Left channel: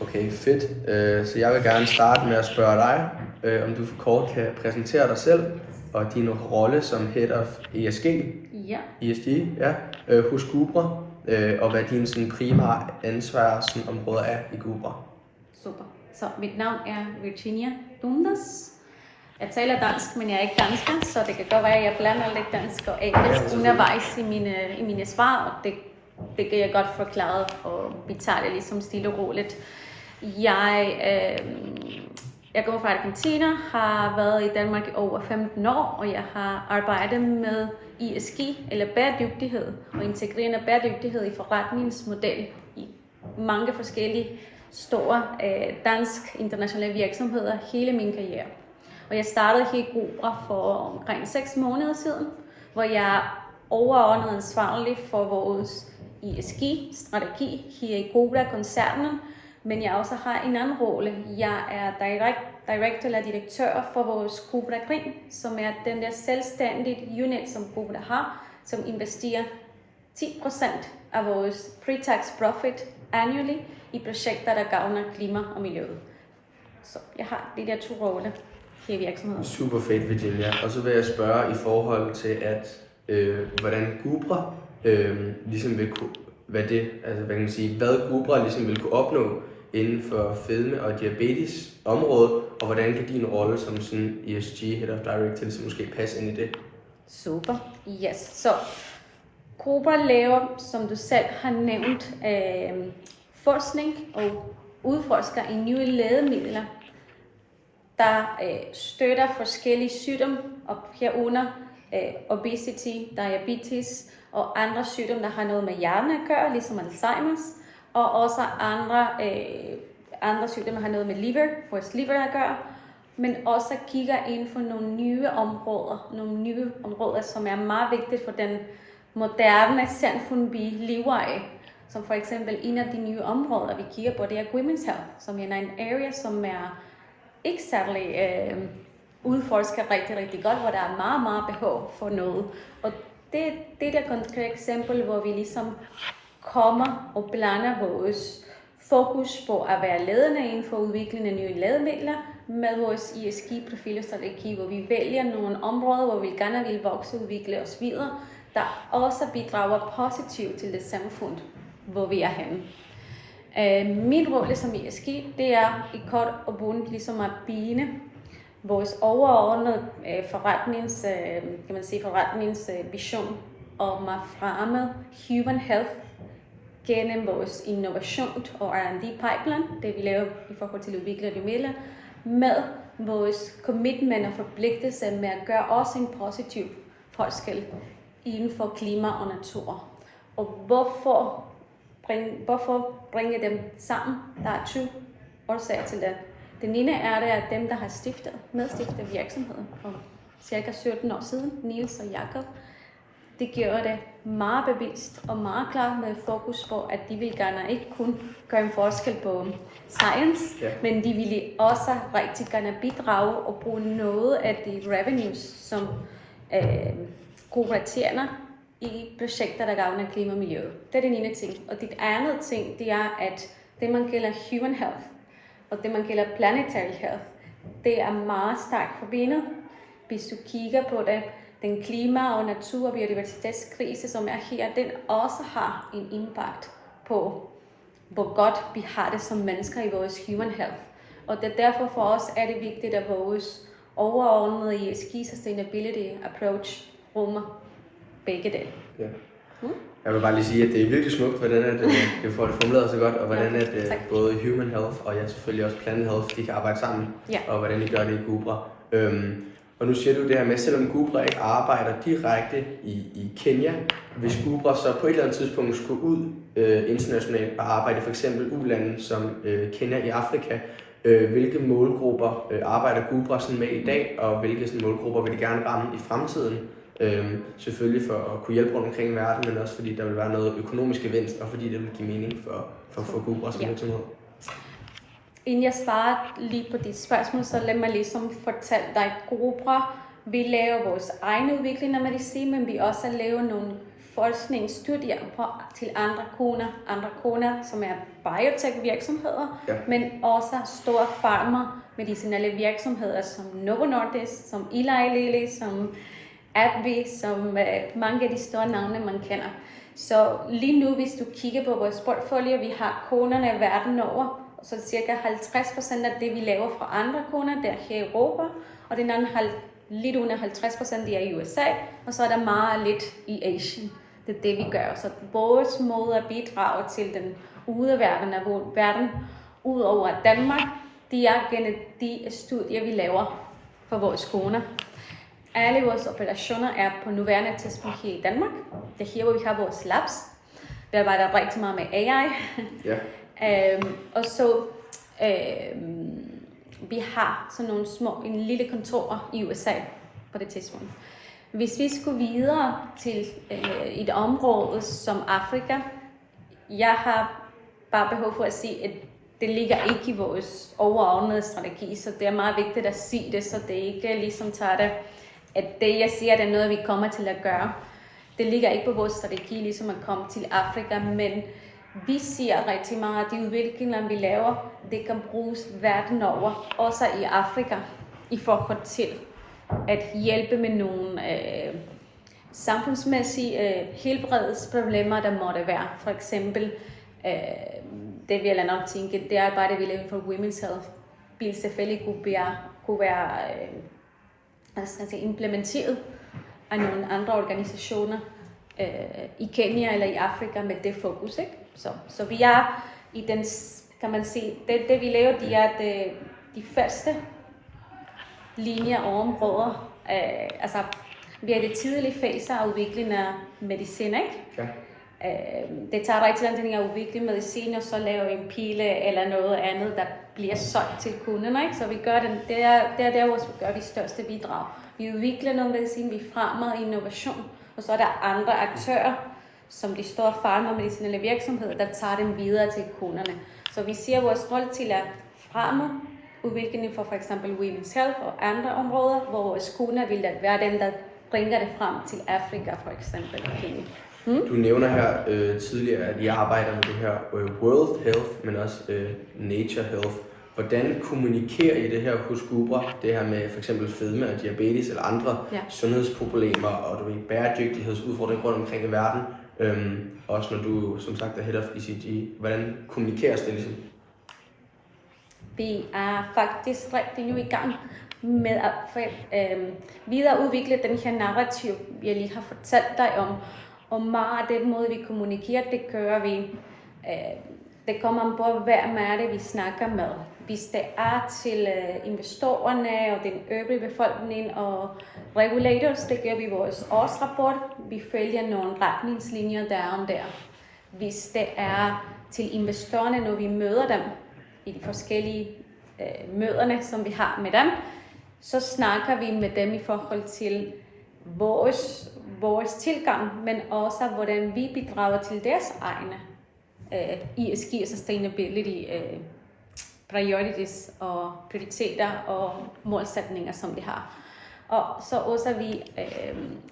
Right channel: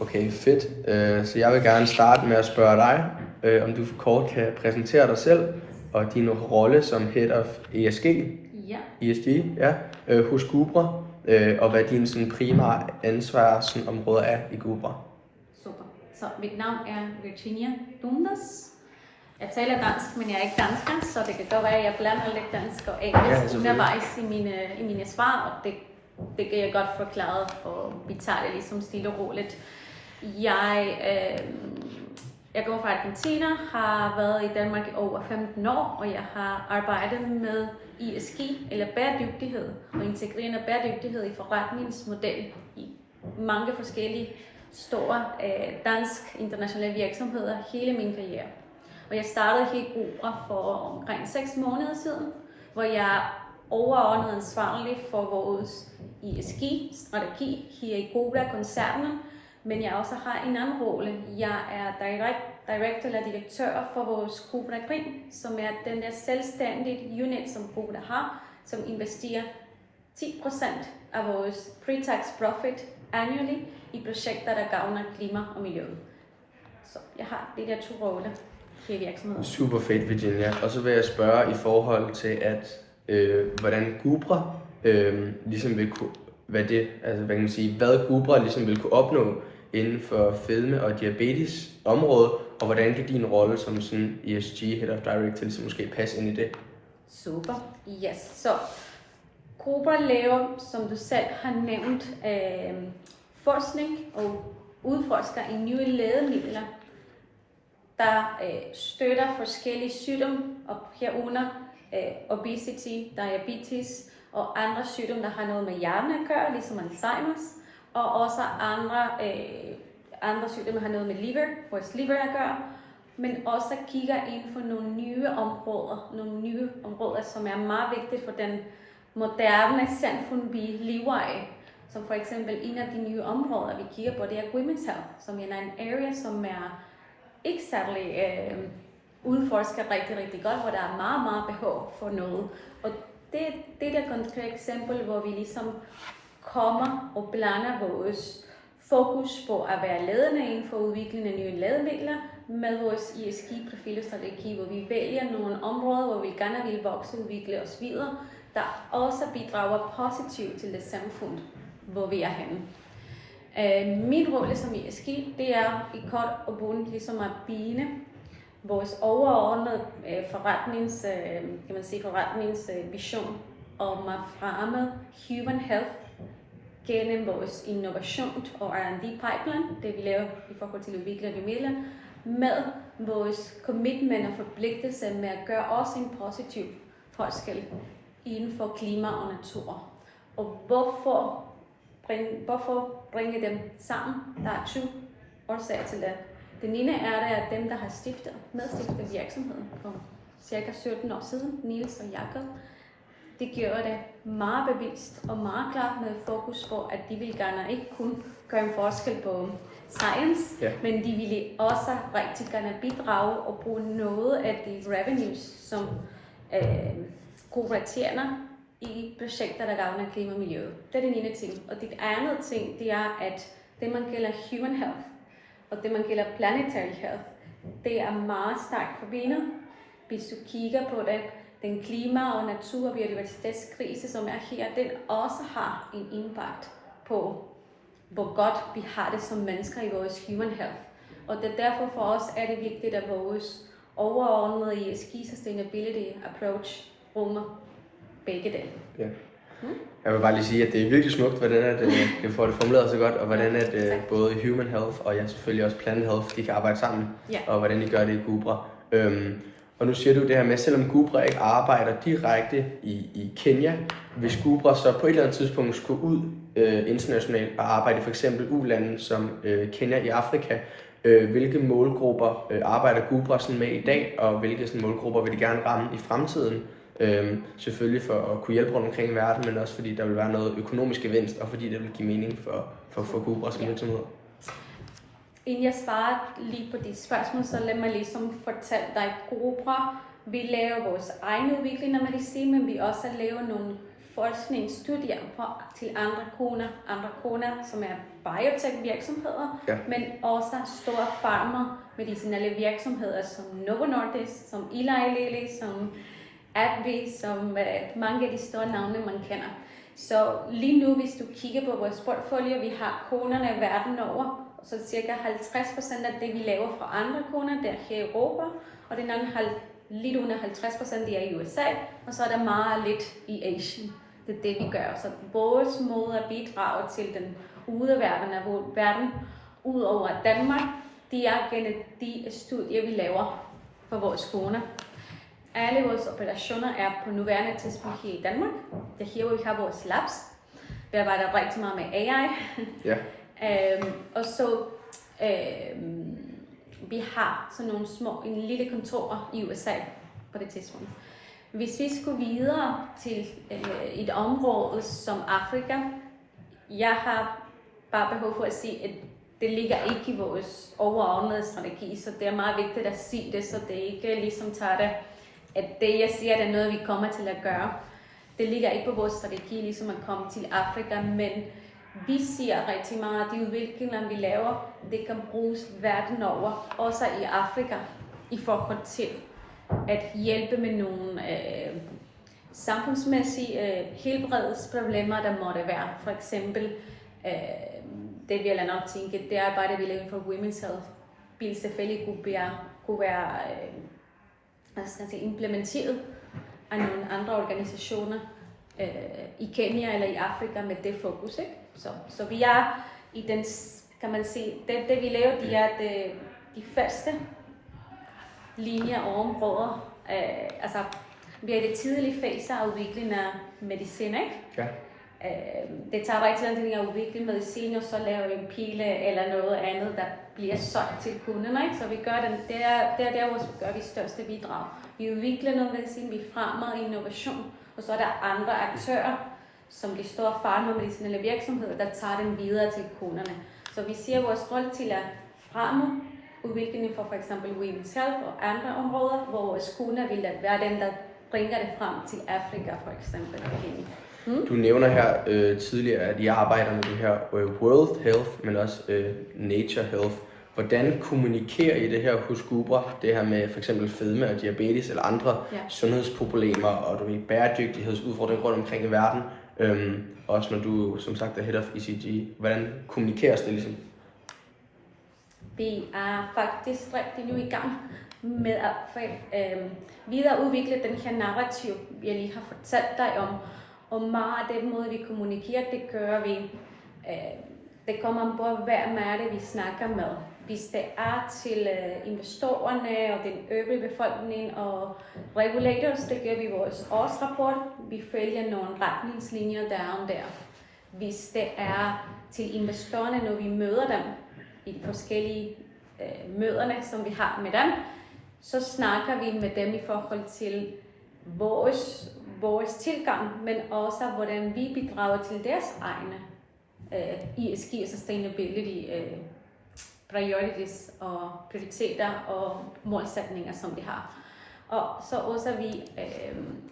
Okay, fedt. Så jeg vil gerne starte med at spørge dig, om du kort kan præsentere dig selv og din rolle som Head of ESG, ja, hos Gubra, og hvad dine sådan, primære ansvarsområder er i Gubra. Super. Så mit navn er Virginia Dundas. Jeg taler dansk, men jeg er ikke dansker, så det kan godt være, at jeg blander lidt dansk og engelsk undervejs i mine svar, og det kan jeg godt forklare, og vi tager det ligesom stille og roligt. Jeg går fra Argentina, har været i Danmark i over 15 år, og jeg har arbejdet med ESG, eller bæredygtighed, og integrerende bæredygtighed i forretningsmodel i mange forskellige store dansk internationale virksomheder hele min karriere. Og jeg startede her i Gubra for omkring 6 måneder siden, hvor jeg er overordnet ansvarlig for vores ESG-strategi her i Gubra-koncernen, men jeg også har en anden rolle. Jeg er director eller direktør for vores Gubra Green, som er den der selvstændige unit, som Gubra har, som investerer 10% af vores pre-tax profit annually i projekter, der gavner klima og miljøet. Så jeg har de der 2 roller her i virksomheden. Super fedt, Virginia. Og så vil jeg spørge i forhold til, at hvordan Gubra ligesom vil kunne, hvad Gubra ligesom vil kunne opnå inden for fedme og diabetes området, og hvordan kan din rolle som sådan ESG Head of Director ligesom måske passe ind i det? Super, yes. Så Gubra laver, som du selv har nævnt, forskning og udforsker i nye lægemidler, der støtter forskellige sygdomme, og herunder obesity, diabetes og andre sygdomme, der har noget med hjernen at gøre, ligesom Alzheimer's, og også andre sygdomme, der har noget med vores liver at gøre, men også kigger ind for nogle nye områder, som er meget vigtige for den moderne samfund, vi lever af. Som for eksempel en af de nye områder, vi kigger på, det er women's health, som er en area, som er ikke særlig udforsket rigtig godt, hvor der er meget behov for noget. Og det er et konkret eksempel, hvor vi ligesom kommer og blander vores fokus på at være ledende inden for udviklingen af nye lægemidler med vores ESG-profilstrategi, hvor vi vælger nogle områder, hvor vi gerne vil vokse og udvikle os videre, der også bidrager positivt til det samfund, hvor vi er henne. Min rolle som ESG, det er i kort og bundt ligesom at binde vores overordnede forretningsvision om at fremme human health gennem vores innovation og R&D pipeline, det vi laver i forhold til at udvikle de midler, med vores commitment og forpligtelse med at gøre også en positiv forskel inden for klima og natur. Og hvorfor bringe dem sammen? Der er 2 årsager til det. Den ene er det, at dem, der har medstiftet virksomheden for cirka 17 år siden, Niels og Jakob, det gjorde det meget bevidst og meget klart med fokus på, at de ville gerne ikke kun gøre en forskel på science, men de ville også rigtig gerne bidrage og bruge noget af de revenues, som Gubra tjener i projekter, der gavner klima og miljø. Det er den ene ting. Og det andet ting, det er, at det man kalder human health, og det man kalder planetary health, det er meget stærkt forbindet. Hvis du kigger på det, den klima- og natur- og biodiversitetskrise, som er her, den også har en impact på, hvor godt vi har det som mennesker i vores human health. Og det er derfor for os er det vigtigt, at vores overordnede ESG Sustainability Approach rummer begge dele. Ja. Jeg vil bare lige sige, at det er virkelig smukt, hvordan at, du får det formuleret så godt, og hvordan at både human health og selvfølgelig også planet health, de kan arbejde sammen, og hvordan de gør det i Gubra. Og nu siger du det her med, selvom Gubra ikke arbejder direkte i Kenya, hvis Gubra så på et eller andet tidspunkt skulle ud internationalt og arbejde i for eksempel U-lande som Kenya i Afrika, hvilke målgrupper arbejder Gubra sådan med i dag, og hvilke sådan målgrupper vil de gerne ramme i fremtiden? Selvfølgelig for at kunne hjælpe rundt omkring i verden, men også fordi der vil være noget økonomisk gevinst, og fordi det vil give mening for Gubra som virksomhed. Inden jeg svarer lige på dit spørgsmål, så lad mig ligesom fortælle dig, at Gubra, vi laver vores egne udvikling af medicin, men vi også laver nogle forskningsstudier til andre kunder, som er biotech-virksomheder, men også store farmer, medicinelle virksomheder som Novo Nordisk, som Eli Lilly, som AbbVie, som mange af de store navne, man kender. Så lige nu, hvis du kigger på vores portfolio, vi har kunderne verden over, så cirka 50% af det, vi laver for andre kunder, det er her i Europa, og den anden lidt under 50% det er i USA, og så er der meget lidt i Asien. Det er det, vi gør. Så vores måde at bidrage til den verden ud over Danmark, det er gennem de studier, vi laver for vores kunder. Alle vores operationer er på nuværende tidspunkt her i Danmark. Det er her, hvor vi har vores labs. Vi arbejder rigtig meget med AI. Og så vi har sådan nogle en lille kontor i USA på det tidspunkt. Hvis vi skulle videre til et område som Afrika, jeg har bare behov for at sige, at det ligger ikke i vores overordnede strategi, så det er meget vigtigt at sige det, så det ikke ligesom tager det, at det jeg siger, det er noget, vi kommer til at gøre. Det ligger ikke på vores strategi, ligesom at komme til Afrika, men vi siger rigtig meget, at de udviklinger, vi laver, det kan bruges verden over, også i Afrika, i forhold til at hjælpe med nogle samfundsmæssige helbredsproblemer, der måtte være. For eksempel, det vil jeg nok tænke, det arbejde, vi laver for Women's Health, vil selvfølgelig kunne være implementeret af nogle andre organisationer i Kenya eller i Afrika med det fokus, ikke? Så vi er i den, kan man sige, det vi laver, de er de første linjer og områder. Altså, vi er i det tidlige fase af udviklingen af medicin, ikke? Ja. Det tager rigtig lang tid at udvikle medicin, og så laver en pille eller noget andet, der bliver solgt til kunderne, ikke? Så vi gør det er der, hvor vi gør de største bidrag. Vi udvikler noget medicin, vi fremmer innovation, og så er der andre aktører, som de store farmer og medicinelle virksomheder, der tager dem videre til kunderne. Så vi ser vores rolle til at fremme udviklingen for eksempel Women's Health og andre områder, hvor vores kunder vil være dem, der bringer det frem til Afrika for eksempel. Du nævner her tidligere, at I arbejder med det her World Health, men også Nature Health. Hvordan kommunikerer I det her hos Gubra, det her med for eksempel fedme og diabetes eller andre sundhedsproblemer og bæredygtighedsudfordringer rundt omkring i verden? Også når du som sagt er head of ECG, hvordan kommunikeres det ligesom? Vi er faktisk rigtig nu i gang med at videreudvikle den her narrativ, jeg lige har fortalt dig om. Og meget af den måde, vi kommunikerer, det gør vi. Det kommer an på, hvem er det, vi snakker med. Hvis det er til investorerne og den øvrige befolkning og regulators, det gør vi i vores årsrapport. Vi følger nogle retningslinjer der. Hvis det er til investorerne, når vi møder dem i de forskellige møderne, som vi har med dem, så snakker vi med dem i forhold til vores tilgang, men også hvordan vi bidrager til deres egne ESG og sustainability priorities og prioriteter og målsætninger, som de har. Og så også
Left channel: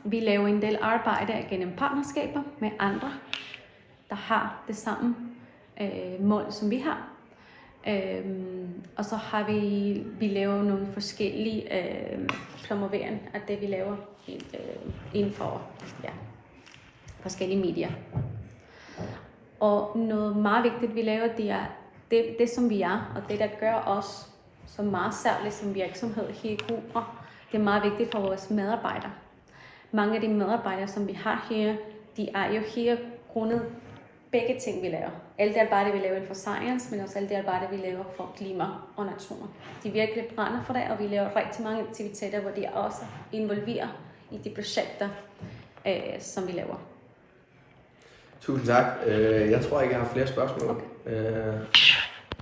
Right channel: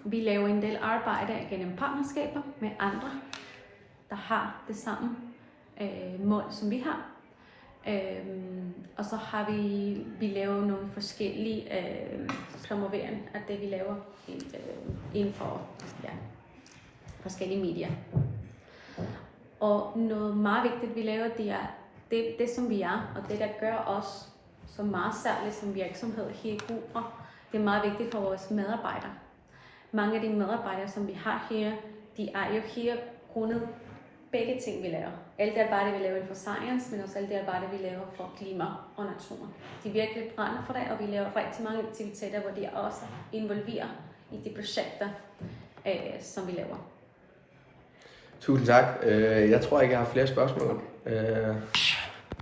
vi laver en del arbejde gennem partnerskaber med andre, der har det samme mål, som vi har. Og så har vi lavet nogle forskellige promovering af det, vi laver inden for forskellige medier. Og noget meget vigtigt, vi laver, det er det som vi er, og det, der gør os så meget særligt som virksomhed her i Gubra. Det er meget vigtigt for vores medarbejdere. Mange af de medarbejdere, som vi har her, de er jo her grundet begge ting, vi laver. Alt det arbejde, vi laver for science, men også alt det arbejde, vi laver for klima og natur. De virkelig brænder for det, og vi laver rigtig mange aktiviteter, hvor de også involverer i de projekter, som vi laver. Tusind tak. Jeg tror ikke, jeg har flere spørgsmål. Okay.